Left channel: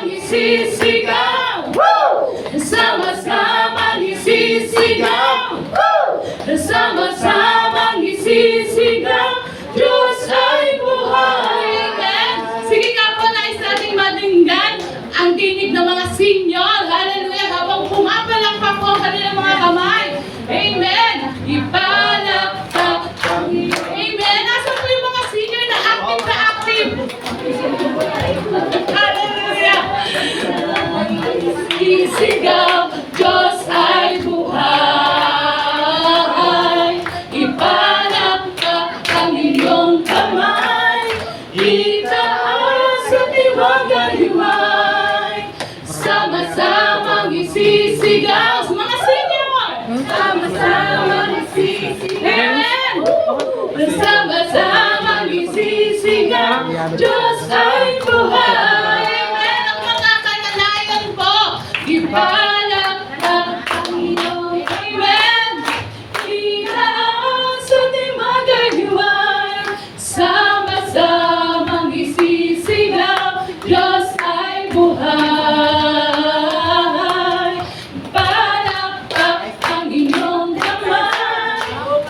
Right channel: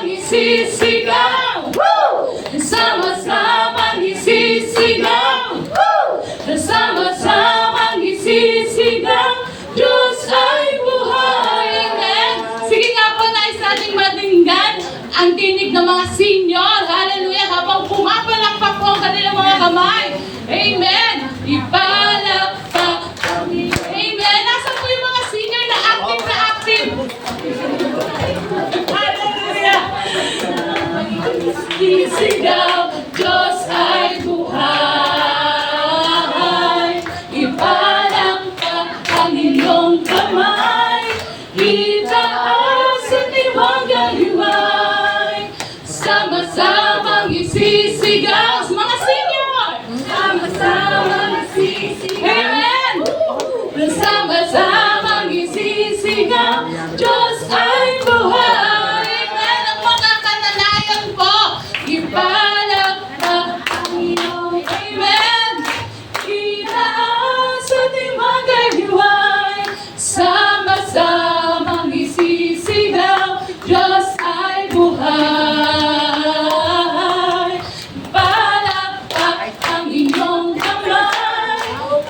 Sama-samang isisigaw, sama-samang isisigaw, sama-samang isisigaw, Diyos ay buhay. Amen. Sige nga po, nais nating madinggan ang tinig ng mga senior. Hallelujah. Habang pumapalakpak po ang kanilang mga kamay. Amen. Ipalakpak kami. Amen. Nasaan po yung mga senior na active na active? Hallelujah. Isigaw, Diyos ay buhay. Ipalakpak ang iyong kamay. Itaas at iwagayway. Sama-samang isisigaw. Mga senior! Sama-samang isisigaw. Amen! Sama-samang isisigaw. Diyos ay buhay. Amen! Ang mga kananayan po. Ipalakpak ang iyong amen. Itaas at iwagayway. Sama-samang isisigaw. Diyos ay buhay. Palakpak ang iyong kamay.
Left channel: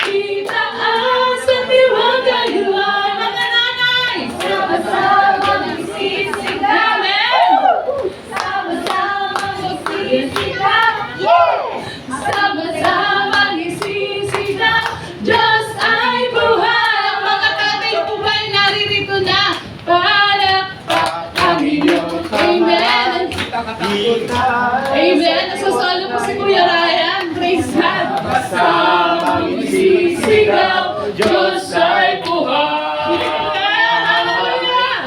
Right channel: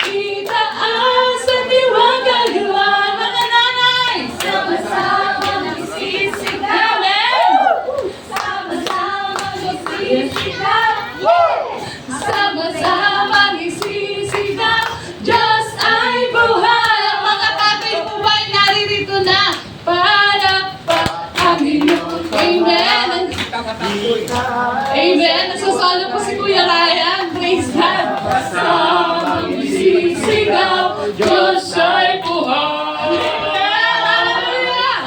Itaas at iwagayway. Mga nanay, sama-samang isisigaw. Sama-samang isisigaw. Sama-samang isisigaw. Diyos ay buhay. Ang mga tatay po ba ay naririto na? Palakpak ang iyong amen. Amen. Nasasalo po si Kuya Ryan. Praise God. Sama-samang isisigaw. Diyos ay buhay. Hallelujah.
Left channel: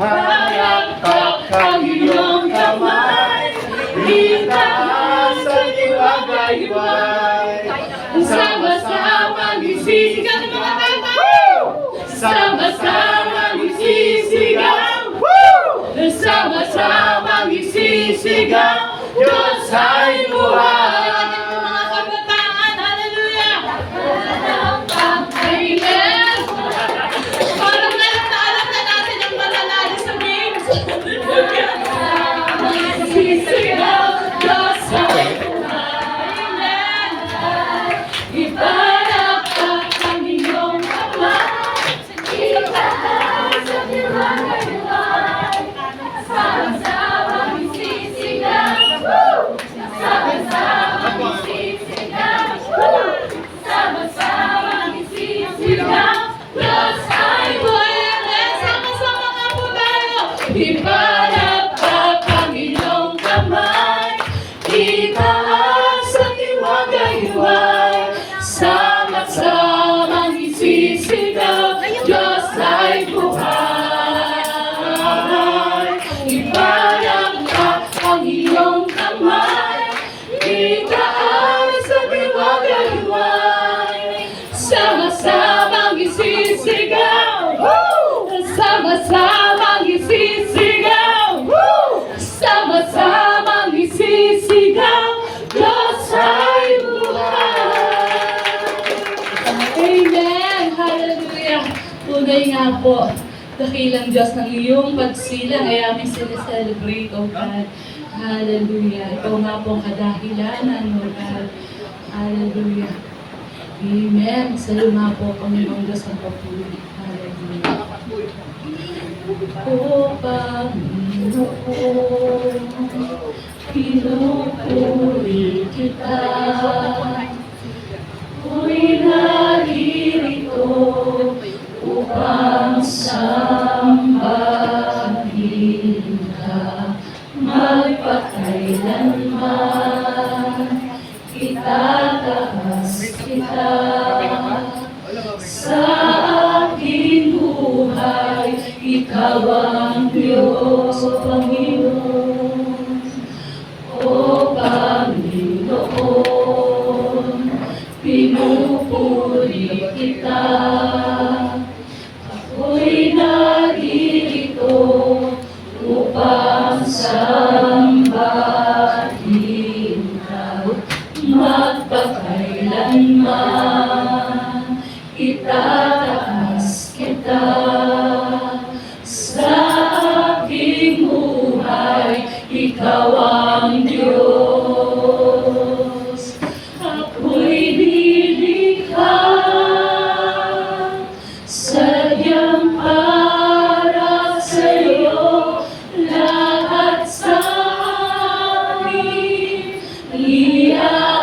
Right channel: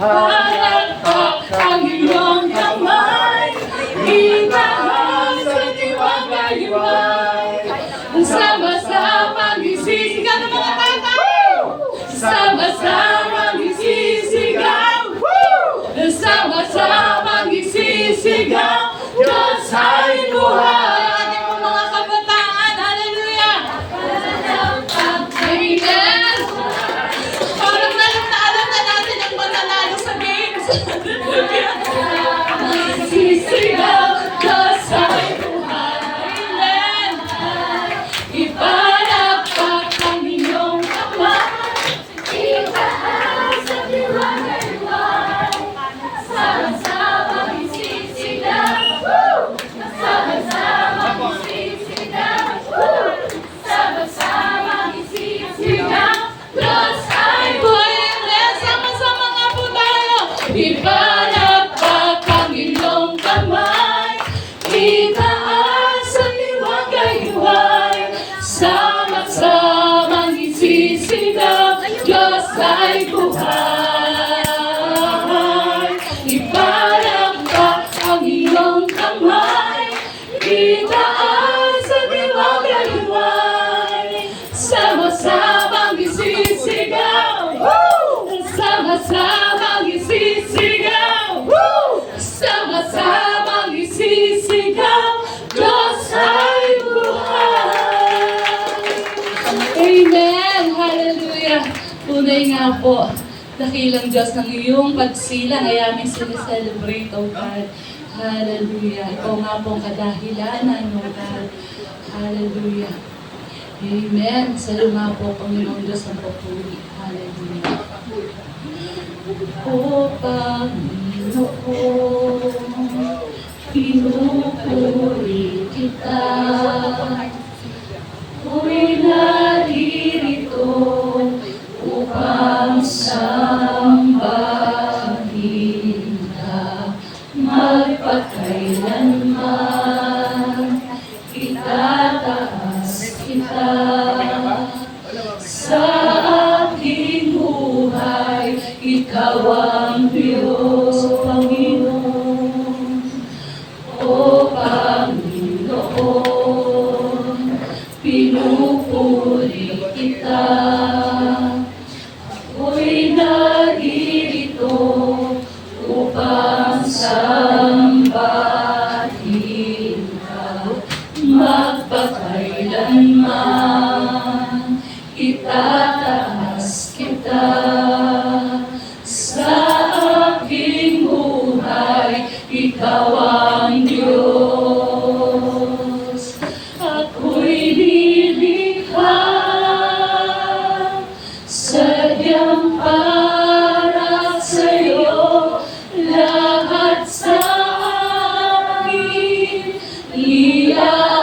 Palakpak ang iyong kamay. Itaas at iwagayway. Sama-samang isisigaw ng mga tatay. Sama-samang isisigaw. Sama-samang isisigaw. Diyos ay buhay. Ating po mga kabataan. Hallelujah. Amen. Parang alam na natin ang mananalo sa games. Sisigaw. Diyos ay buhay. Amen. Ipalakpak ang iyong kamay. Itaas at iwagayway. Sama-samang isisigaw. Sama-samang isisigaw. Sama-samang isisigaw. Diyos ay buhay. Amen. Sama-sama nga po tayo. Ipalakpak ang iyong kamay. Itaas at iwagayway. Sama-samang isisigaw. Diyos ay buhay. Ipalakpak ang iyong kamay. Itaas at iwagayway. Sama-samang isisigaw. Sama-samang isisigaw. Sama-samang isisigaw. Diyos ay buhay. Amen. Hallelujah. Tunay nga po, dakilang Diyos ng iyong pagsilang ay aming sineselebrate, O God. Hallelujah. Ito nga po ang kadahilanan, O God. Hallelujah. Amen. Sa iyo nga po, Panginoong Diyos ang papuri. Hallelujah. O Panginoon, pinupuri kita. Ako'y naririto upang sambahin ka. Magpakailanman itataas kita. Sa aking buhay, ikaw ang Diyos, Panginoon. O Panginoon, pinupuri kita. Ako'y naririto upang sambahin ka. Magpakailanman Ikaw ang Diyos. Ako'y nilikha sadyang para sa'yo, lahat sa akin iaalay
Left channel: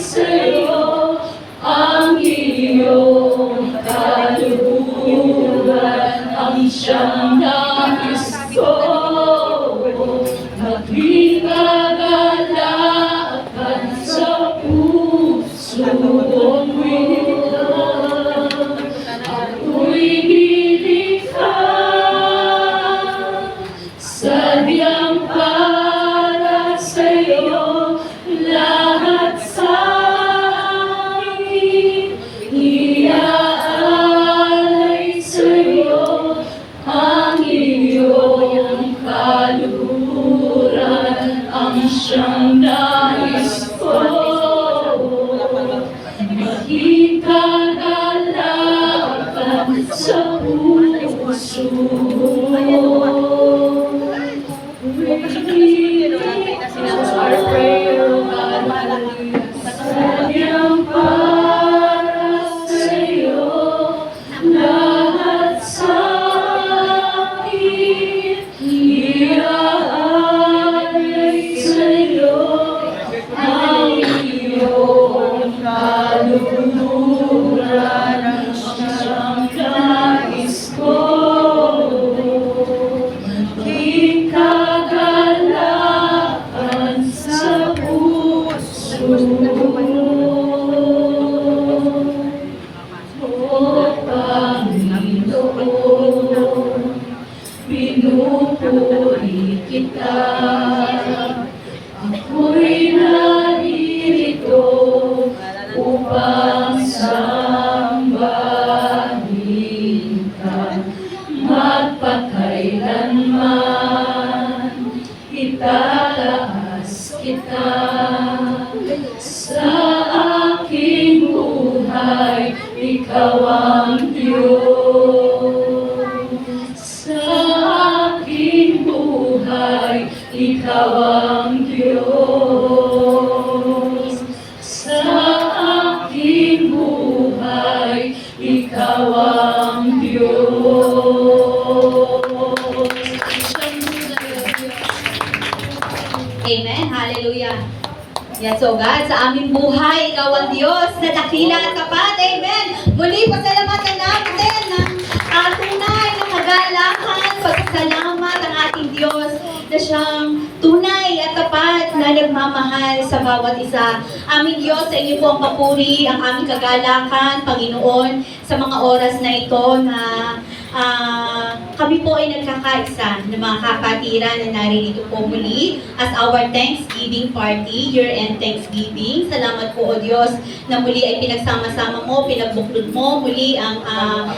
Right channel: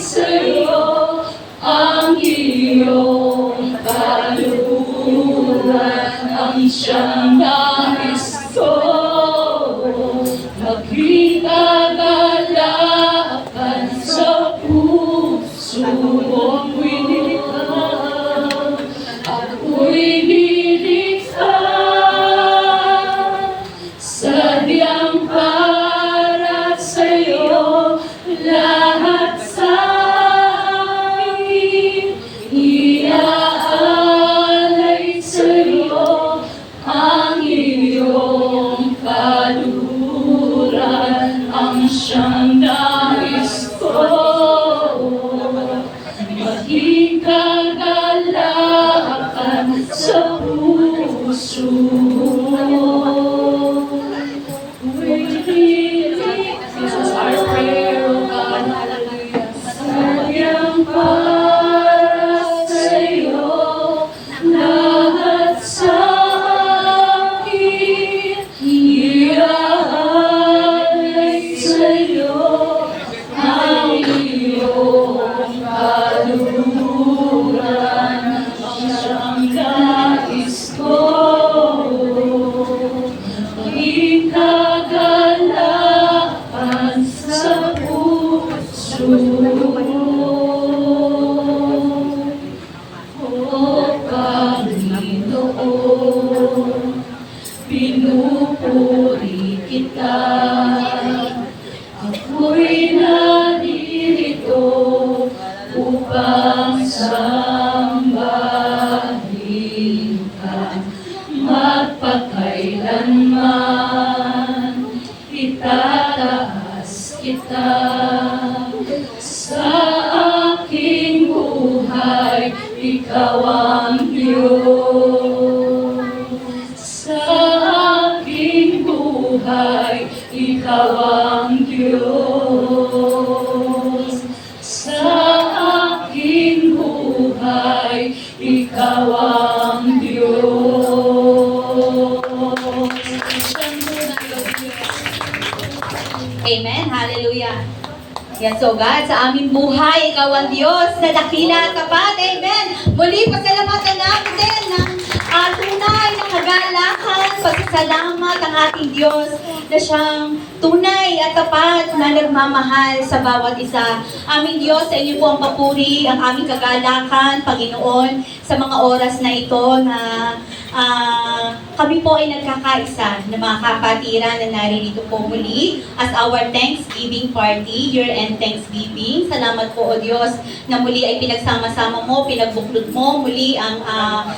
sa'yo ang iyong kaluluran, ang siyang nais ko. Maging kagalakan sa puso mong nilikha. Ako'y nilikha sadyang para sa'yo, lahat sa akin iaalay sa'yo ang iyong kaluluran, ang siyang nais ko. Maging kagalakan sa puso mo. This is our prayer, O God. Sadyang para sa'yo, lahat sa akin iaalay sa'yo ang iyong kaluluran, ang siyang nais ko. Maging kagalakan sa puso mo. O Panginoon, pinupuri kita. Ako'y naririto upang sambahin ka, magpakailanman itataas kita. Sa aking buhay, ikaw ang Diyos. Sa aking buhay, ikaw ang Diyos. Sa aking buhay, ikaw ang Diyos. Amen. Hallelujah. Yes, so God, sa aming buhay, ikaw ang Diyos na dakila at tapat. Amen. Muli, pasalamatan natin ng tunay na kagalakan, pasasalamat ang ating Diyos na siyang tunay at tapat na nagmamahal sa bawat isa. Aming Diyos, sa inyo po ang papuri, ang aming kagalakan, Panginoon, sa mga oras na ito na kami po ay nagkakaisa ng mga kapatiran na naririto po muli as our Thanksgiving party, year-end Thanksgiving. Salamat po, O Diyos, na muli ay pinagsama-sama mo, pinagbuklod mo muli ang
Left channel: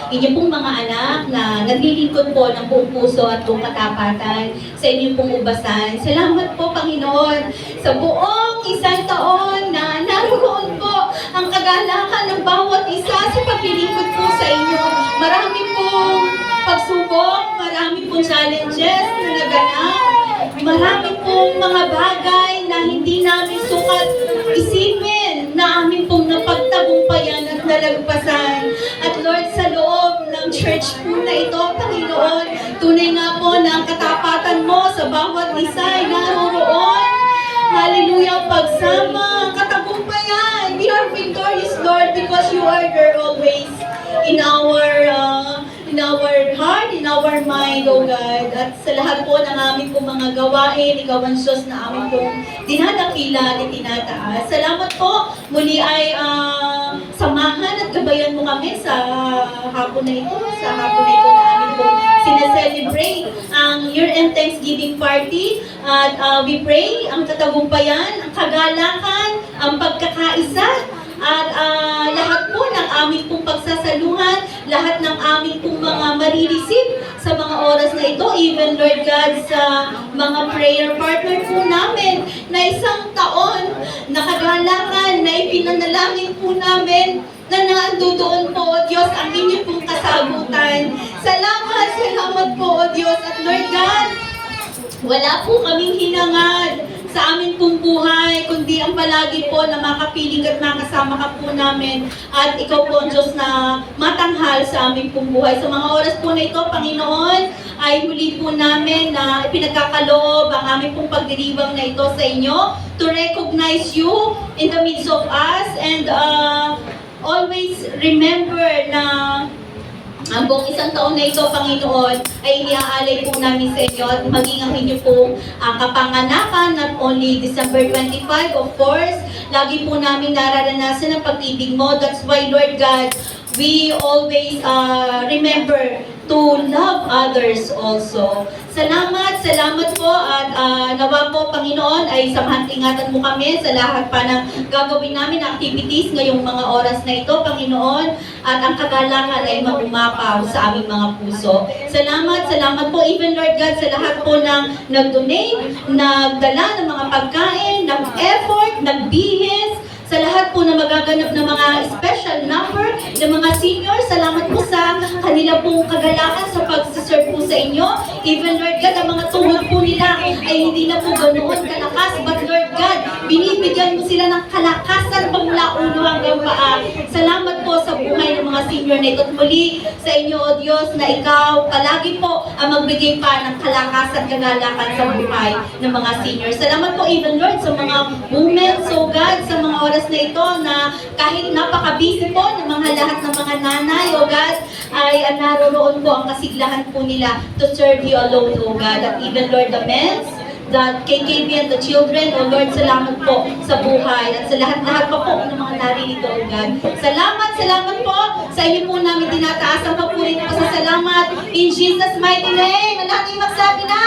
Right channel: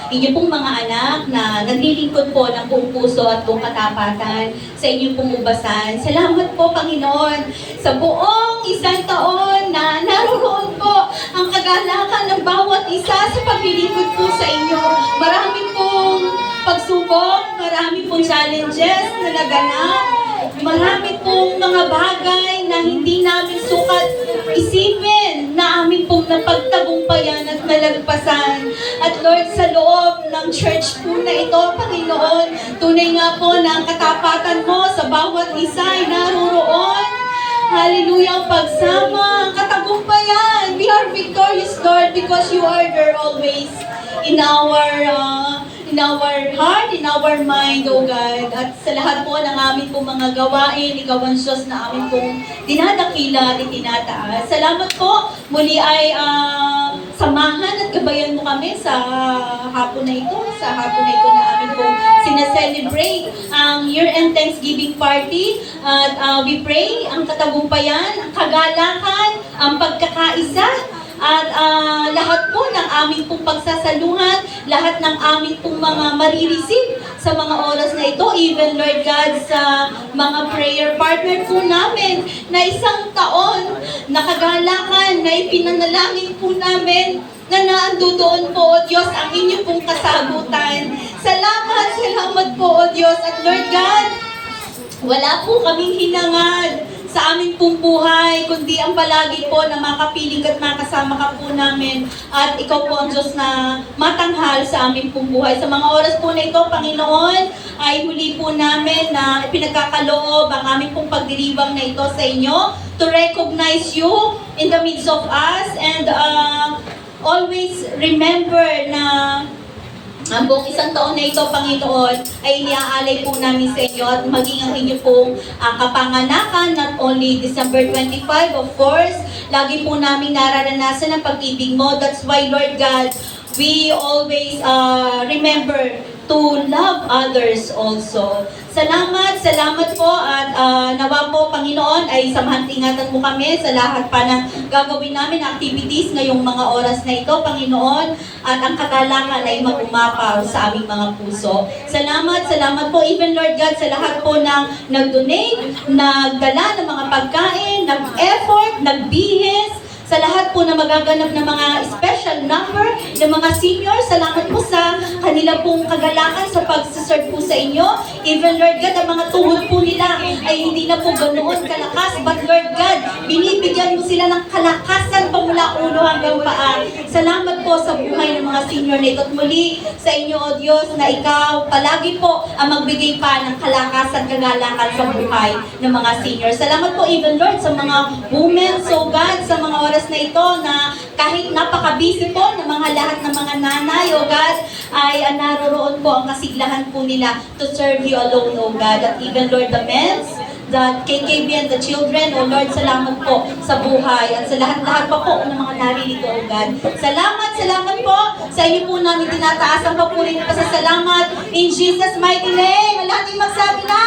inyong pong mga anak na naglilingkod po ng buong puso at buong katapatan sa inyong pong ubasan. Salamat po, Panginoon, sa buong isang taon na naroon po ang kagalakan ng bawat isa sa paglilingkod po sa inyo. Marami pong pagsubok, marami pong challenges na naganap, marami pong mga bagay na hindi namin sukat isipin na amin pong napagtagumpayan at nalagpasan. At Lord, sa loob ng church po na ito, Panginoon, tunay nga po na ang katapatan mo sa bawat isa ay naroroon. Hallelujah, pagsama, ang katagumpayan. We are victorious, Lord, because you are there always in our heart, in our mind, O God. At sa lahat po ng aming pong mga gawain, ikaw ang Diyos na aming pong dinadakila at itinataas. Salamat po. Muli ay samahan at gabayan mo kami sa hapon na ito, na aming pong sineselebrate ang year-end Thanksgiving party. At we pray ang katagumpayan, ang kagalakan, ang pagkakaisa, at lahat po ng aming pong pagsasaluhan, lahat ng aming pong mga marireceive sa mga oras na ito, even Lord God, sa mga prayer partner po namin na isang taon na kagalakan, na ipinanalangin po namin na naandoon po, O Diyos, ang inyong pong kasagutan. Salamat po, O Diyos, at Lord God, Wala po kaming hinangad sa amin pong buhay, kundi ang palagi po na makapiling at makasama ka po namin. At ikaw po ang Diyos na matanghal sa amin pong buhay. Sa mga oras po na ito, Panginoon, ay huli po namin na pinagkakaloob ang aming pong pagdiribang na ito sa inyo to recognize you in the midst of us and always remember na ang buong isang taon na ito, Panginoon, ay iniaalay po namin sa inyo at maging ang inyo pong kapanganakan, not only December 25, of course, lagi po namin nararanasan ang pag-ibig mo. That's why, Lord God, we always remember to love others also. Salamat po at nawa po, Panginoon, ay samahan-ingatan mo kami sa lahat pa ng gagawin namin na activities ngayong mga oras na ito, Panginoon, at ang kagalangan ay magumapaw sa aming mga puso. Salamat po, even Lord God, sa lahat po ng nag-donate, nagdala ng mga pagkain, nag-effort, nagbihis, sa lahat po na magaganap ng mga special number ng mga seniors. Salamat po sa kanila pong kagalakan sa pag-serve po sa inyo. Even Lord God, ang mga tuhod po nila ay hindi na po ganoon kalakas. But Lord God, binibigyan mo sila ng kalakasan pa mula ulo hanggang paa. Salamat po sa buhay ng mga senior na ito. At muli sa inyo, O Diyos, na ikaw palagi po ang magbigay pa ng kalakasan, kagalakan sa buhay ng mga seniors. Salamat po even Lord sa mga moments, O God, sa mga oras na ito na kahit napaka-busy po ng mga lahat ng mga nanay, O God, ay naroroon po ang kasiglahan po nila to serve you alone, O God. At even Lord, the men, the KKB and the children, O Lord, salamat po sa buhay at sa lahat-lahat pa po ng mga naririto, O God. Salamat po sa inyo po namin tinataas ang papuri na pasasalamat in Jesus' mighty name. Ang lahat ay magsabi na,